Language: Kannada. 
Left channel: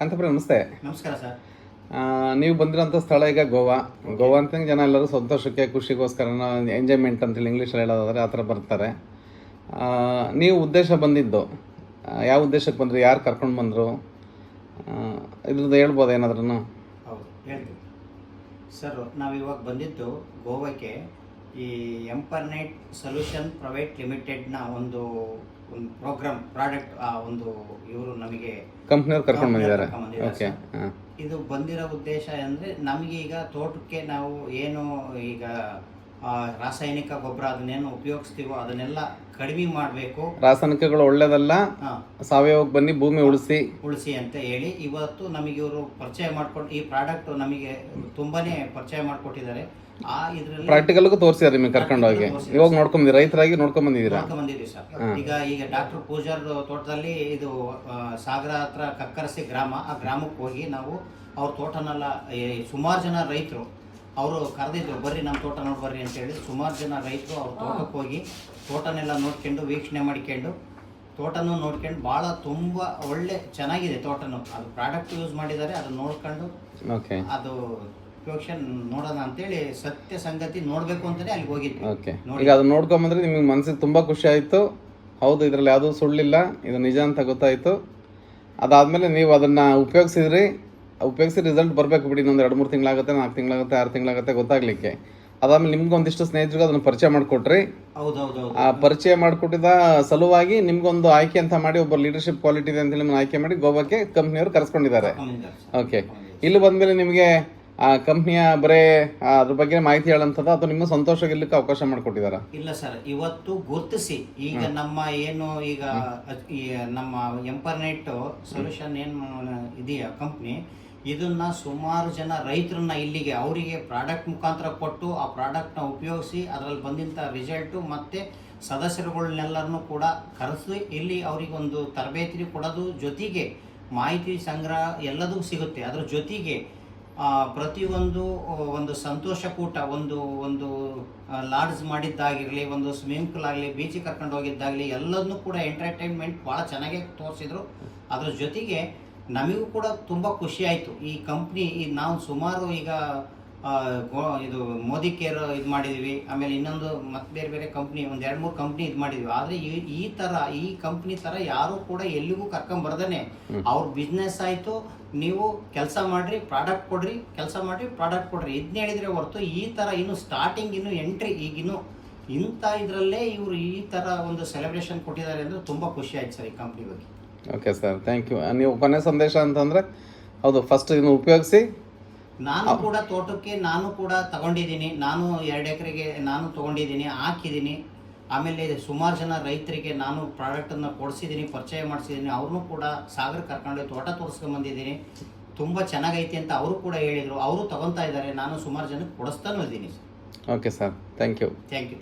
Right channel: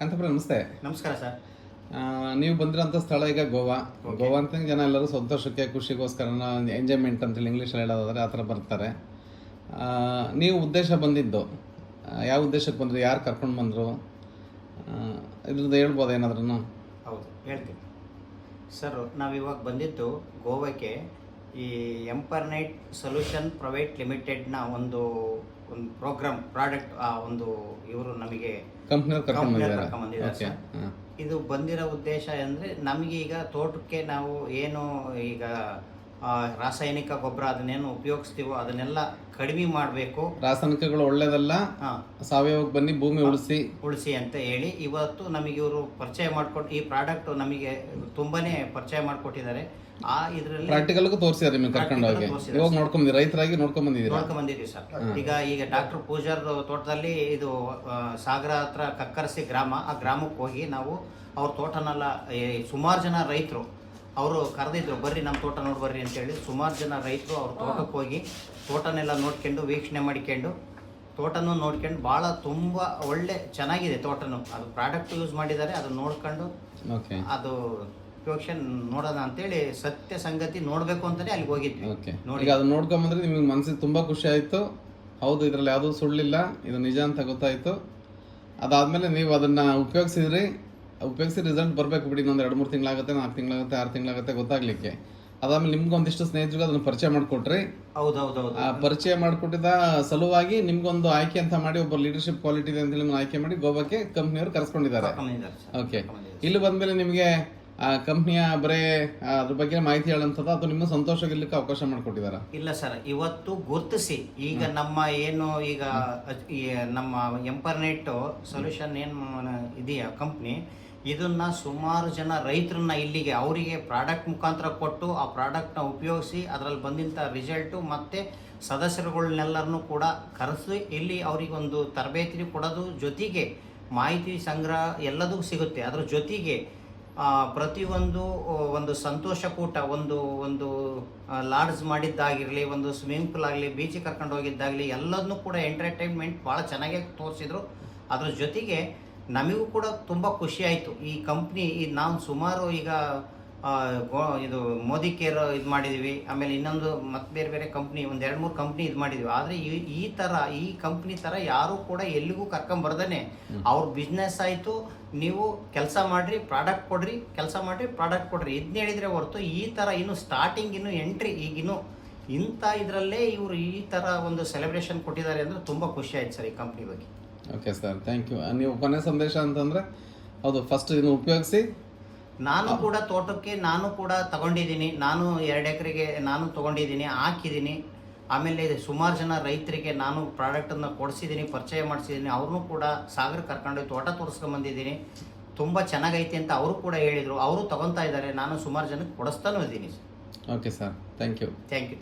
ಕಾಂತಪುರ ನಮಸ್ತೆ. ನಮಸ್ಕಾರ ಸರ್. ನೀವು ಬಂದಿರೋಂಥ ಸ್ಥಳ ಈಗ ಗೋವಾ. ಗೋವಾ ಅಂತ ಜನ ಎಲ್ಲರೂ ಸಂತೋಷಕ್ಕೆ ಖುಷಿಗೋಸ್ಕರ ಎಂಜಾಯ್ಮೆಂಟ್ ಅಂತೇಳಿ ಇಂಗ್ಲೀಷಲ್ಲಿ ಹೇಳೋದಾದ್ರೆ ಆ ಥರ ಬರ್ತಾರೆ. ನೀವು ಉದ್ದೇಶ ಬಂದಿದ್ದು ಯಾವ ಉದ್ದೇಶಕ್ಕೆ ಬಂದರು, ಯಾರು ಕರ್ಕೊಂಡು ಬಂದರು, ಇದ್ರದ್ದು ಹೇಳ್ಬೋದು ಏನಾದ್ರೂ? ಹೌದು, ಹೇಳ್ತೀನಿ ಸರ್. ನಾವಿವಾಗ ಬಂದಿದ್ದು ಗೋವಾಕ್ಕೆ ಈ ಎಂಪರ್ನೈಟ್ ಸೊಲ್ಯೂಷನ್ ಪ್ರೈವೇಟ್ ಲಿಮಿಟೆಡ್ನ ಒಂದು ಪ್ರೋಗ್ರಾಮ್ ಪ್ರಾಡಕ್ಟ್ ಒಂದು ಇವರು ನಮಗೆ ಕಂಪ್ನಿಯವ್ರು ಕರ್ಕೊಂಡು ಬಂದಿದ್ದಾರೆ. ಓಕೆ. ಇದು ಬಂದಿರೋ ಉದ್ದೇಶ ಅಂದರೆ ನಮಗೆ ಈಗ ತೋಟಕ್ಕೆ ನಾವು ಏನು ಈಗ ರಾಸಾಯನಿಕ ಗೊಬ್ಬರ ಅದನ್ನೇನು ಉಪಯೋಗಿಸ್ತೀವೋ ಅದನ್ನೆಲ್ಲ ಕಡಿಮೆ ಮಾಡಬೇಕು. ರಾಸಾಯನಿಕಗಳು ಒಳ್ಳೇದಲ್ಲ, ಸಾವಯವಕ್ಕೆ ಬನ್ನಿ, ಭೂಮಿ ಉಳಿಸಿ ಅಂತ ಹೇಳಿ ಇವತ್ತು ನಮಗೆ ಇವರು ಪರಿಚಯ ಮಾಡಿಕೊಟ್ಟು ಈ ಪ್ರಾಡಕ್ಟ್ ನಮಗೆ ತುಂಬಾನೇ ಪರಿಚಯ ಮಾಡಿಕೊಟ್ಟಿದ್ದಾರೆ. ಪ್ರಾಕ್ಟಿಕಲ್ಗೂ ತೋರಿಸಿದ್ದಾರೆ ನಿಮಗೆ ಕರ್ಕೊಂಡು ಹೋಗಿ. ಇವಾಗ ನೋಡ್ಕೊಂಡ್ಬಂದಿದ್ದೀರಾ, ರೈತರಾಗಿ ನೋಡ್ಕೊಂಡ್ಬಂದಿದ್ದೀವಿ ಸರ್. ಈಗ ಡಾಕ್ಟರ್ ಪೂಜಾರ್ ತೋಟದಲ್ಲಿ ಇದು ಸಾಗರ ಹತ್ರ ಕಕ್ಕರಸಿ ಗ್ರಾಮ, ಆ ಗ್ರಾಮಕ್ಕೆ ಹೋಗಿ ನಾವು ಅವ್ರ ತೋಟನೆಲ್ಲ ಸುಮಾರು ಜನ ರೈತರು ಅವರು ಕರೆದಿದ್ರು, ಬರ್ರಿ ನಮ್ಮ ತೋಟ ನೋಡಿ ಬರ್ರಿ ಅಂತೇಳಿ. ಸುಮಾರು ಜನ ರೈತರು ಅವ್ರ ತೋಟಕ್ಕೆ ಹೋಗಿ ತೋಟನೆಲ್ಲ ನೋಡ್ಕೊಂಡು ವೀಕ್ಷಣೆ ಮಾಡ್ಕೊಂಡು ತೋಟನೂ ನೋಡ್ಕೊಂಡು ಭಾಳ ತುಂಬ ಒಳ್ಳೆ ಚೆನ್ನಾಗಿದೆ ತೋಟನು. ಅದು ಪ್ರಾಡಕ್ಟ್ ಯೂಸ್ ಮಾಡಿದ್ದಾರೆ, ಅದು ನೋಡ್ಕೊಂಡು ಅದು ಉಪಯೋಗಿಸಿ ನೋಡೋಣ ಅಂತೇಳಿ ಸತ್ಯ ಸಂಗತಿ ನೋಡ್ಬೇಕು ಅಂತಾನೆ ಅಲ್ಲಿಗೆ ಹೋಗಿದ್ವಿ. ಈಗ ಅದನ್ನ ನೋಡ್ಕೊಂಬಂದ್ರೆ ನಿಮಗೆ ಮನಸ್ಸಿಗೆ ತುಂಬಾ ಖುಷಿ ಆಯ್ತು. ಹೌದು, ಇದ್ರಲ್ಲಿ ಯಾವುದೂ ಸುಳ್ಳಿಲ್ಲ, ಇದು ನಿಜ ಅಂತ ಗೊತ್ತಾಯ್ತು. ಅದಾದ್ಮೇಲೆ ನೀವು ಅದನ್ನ ಉಪಯೋಗಿಸಿ ರಿಸಲ್ಟ್ ಬರಬೇಕು ಬಿಡಿ. ಇನ್ನೊಂದು 2-3 ತಿಂಗಳಾಗುತ್ತೆ, 4 ತಿಂಗಳಾಗುತ್ತೆ, 6 ತಿಂಗಳಾಗುತ್ತೆ ಗೊತ್ತಾಗ್ಲಿಕ್ಕೆ. ಅದಾದ್ಮೇಲೆ ನಿಮ್ಗೆ ಒಂದಿಷ್ಟು ಸ್ನೇಹಿತರಿಗೆ ಅದನ್ನ ಪರಿಚಯ ಮಾಡಿಕೊಟ್ರಿ. ಆ ಪರಿಚಯ ಮಾಡಿಕೊಟ್ಟಿದ ಸಲುವಾಗಿ ನಿಮ್ಗೊಂದು ಆಯ್ಕೆ ಅಂತ ಮಾಡಿ, ಒಬ್ಬ ಲೀಡರ್ಶಿಪ್ ಕ್ವಾಲಿಟಿ ಇದೆ ಅಂತ ನಿಮ್ಮನ್ನ ಆಯ್ಕೆ ಮಾಡಿ ಗೋವಾಕ್ಕೆ ಕಂಪ್ನಿಯವರು ಕರೆಸ್ಕೊಂಡಿದ್ದಾರೆ. ಓಕೆ. ಇಲ್ಲಿ ಬಂದ್ಮೇಲೆ ನಿಮಗೆ ಆ ಕಂಪ್ನಿಯ ಬರೇ ಅದ್ರ ಬಗ್ಗೆ ಮಾಹಿತಿ ಹೇಳಂತದ ಅಥವಾ ನಿಮ್ಮ ಸಂತೋಷ ಗೆಲ್ಲಕ್ಕೆ ಅವಕಾಶ ಮಾಡಿಕೊಟ್ಟಿದಾರ? ಇಲ್ಲ ಸರ್, ಇವತ್ತು ಗುರುತಿಸಿ ಈಗ ನಮ್ಮ ಏನು ಈಗ ನಮ್ಮ ಎಂಪರ್ನೆಟ್ ಸೊಲ್ಯೂಷನ್ ಏನು ಇದೆಯಾ ಕಂಪ್ನಿ, ಇದನ್ನ ಸುಮಾರು ಜನ ರೈತರನ್ನ ಇಲ್ಲಿಗೆ ಅವರಿಗೆ ಪ್ರಾಡಕ್ಟ್ ಮುಖಾಂತರ ಕೊಟ್ಟು ಆ ಪ್ರಾಡಕ್ಟ್ನ ಉಪಯೋಗಿಸಿ ಅದರಲ್ಲಿ ಬಂದಂಥ ರಿಸಲ್ಟು ಮತ್ತೆ ಸದಸ್ಯರುಗಳನ್ನೆಲ್ಲರನ್ನು ಕೂಡ ಕರೆಸಿ ಇಲ್ಲಿ ಅವರಿಗೆ ಒಂದು ತರಬೇತಿ ಕೊಡೋದು ಜೊತೆಗೆ ಮಾಹಿತಿ ಸಂಗ್ರಹ ಎಲ್ಲದೂ ಸಿಗುತ್ತೆ. ಅದ್ರ ಜೊತೆಗೆ ಪ್ರತಿಯೊಂದು ಒಂದು ಸಂತೋಷ ಕೂಟ, ಒಂದು ಲಾಡ್ಜ್ ಮಾಡಿದ್ದಾಗಿರಲಿ, ಒಂದು ಸ್ವಿಮ್ಮಿಂಗ್ ಪೂಲ್ ಆಗಲಿ, ಬೀಚಿಗೆ ಕರ್ಕೊಂಡು ಹೋಗಿದ್ದಾಗಲಿ ಎಲ್ಲದನ್ನೂ ಕೂಡ ಎಂಟರ್ಟೈನ್ಮೆಂಟ್ ಭಾಳ ಚೆನ್ನಾಗಿ ತೋರಿಸಿದ್ರು. ಅದ್ರ ಜೊತೆಗೆ ನಮಗೂ ಕೂಡ ತುಂಬ ಖುಷಿ ಆಯಿತು. ಈ ಕಂಪ್ನಿ ನಾವು ಸುಮಾರು ಈಗ ಇದು ಮೋದಿ ಕೇರ್ ಇದು ಮಾಡಿದ್ವಿ, ಆಮೇಲೆ ಇನ್ನೊಂದು ಮತ್ತೆ ಬೇರೆ ಬೇರೆ ಕಂಪ್ನಿ ಒಂದು 2-3 ಕಂಪ್ನಿ ಇದು ಮಾಡಿದ್ವಿ. ಆದರೆ ಈ ಕಂಪ್ನಿ ಥರ ಯಾರು ಕೂಡ ಎಲ್ಲಿಗೂ ಕರ್ಕೊಂಬರ್ದೇನೆ ಅವ್ರ ಬಿಸ್ನೆಸ್ ಆಯಿತು, ನೀವು ಕೆಲಸ ಮಾಡ್ರಿ ಪ್ರಾಡಕ್ಟ್ ಕೊಡ್ರಿ, ಕೆಲಸ ಮಾಡ್ರಿ ಪ್ರಾಡಕ್ಟ್ ಕೊಡ್ರಿ, ಇದನ್ನ ಹೇಳಿದ್ರೆ ಹೊರತು ಈ ಥರ ಇನ್ನು ಸ್ಟಾರ್ಟಿಂಗ್ ಇನ್ನು ಎಂಟ್ರಿ ಈಗಿನ್ನು ಇಂಥ ಇದರಲ್ಲೇ ಇವರು ಈ ಥರ ಒಂದು ಸೆಲೆಬ್ರೇಷನ್ ಕೊಟ್ಟಿದ್ದಾರೆ ಅಂದರೆ ತುಂಬ ಖುಷಿ ಆಯ್ತು ಸರ್ ಈ ಕಂಪ್ನಿ ಬಗ್ಗೆ. Okay sir, thank you. ನೀವು ಕೊನೆ ಸಂದೇಶ ಅಂತಂದರೆ ಹೌದು, ಫಸ್ಟ್ ಇದನ್ನು ಉಪಯೋಗಿಸಿ. ನಾನು ಕೂಡ ತೋಟಕ್ಕೆ ನಾನು ಕೂಡ ತಗೊಂಡಿದ್ದೀನಿ, ನಾನು 2 ಎಕರೆಗೆ ನಾನು ತಗೊಂಡಿದ್ದೀನಿ, ಹಾಕಿದ್ದೀನಿ. ಆಮೇಲೆ ಸುಮಾರು ಜನ ರೈತರಿಗೆ ನಾನು ಪ್ರಾಡಕ್ಟನ್ನು ಕೊಡಿಸಿದ್ದೀನಿ, ಪರಿಚಯ ಮಾಡಿಸಿದ್ದೀನಿ. ಅವ್ರನ್ನೂ ಕೂಡ ಸಾಗರ ಕರ್ಕೊಂಡು ತೋಟ ತೋರಿಸ್ಕೊಂಡು ಬಂದಿದ್ದೀನಿ. ತುಂಬ ಚೆನ್ನಾಗೈತಿ ಅಂತ ಅವರು ಕೂಡ ಹೇಳಿದರು, ಅವರು ತಗೊತಾ ಇದ್ದಾರೆ. ನಾನು ಸುಮಾರು ಜನಕ್ಕೆ ಕೊಡಿಸ್ತಾನೂ ಇದ್ದೀನಿ. Okay sir, thank you. Thank you.